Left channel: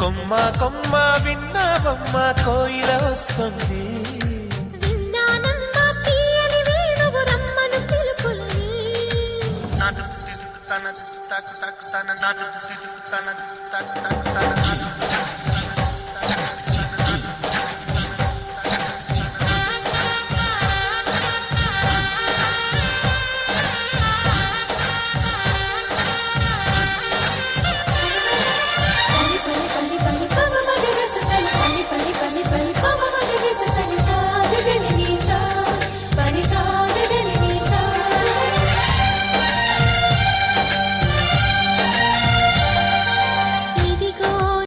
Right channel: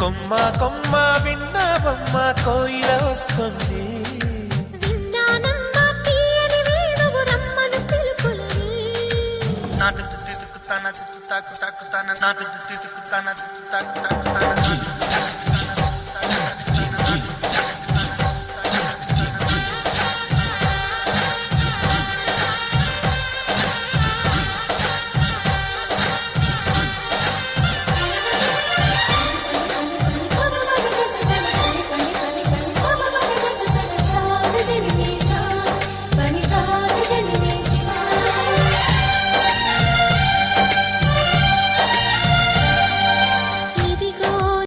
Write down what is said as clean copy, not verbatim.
కొమ్మ కొమ్మ విన్నావమ్మ కోయిల వస్తుంది. విన్నానమ్మా తీయని వేణువు రమ్మను పిలుపులని. నాటు తుత్తి తుక్కుతాన తుత్తి తాకు తాకుతాన నాటు తుత్తి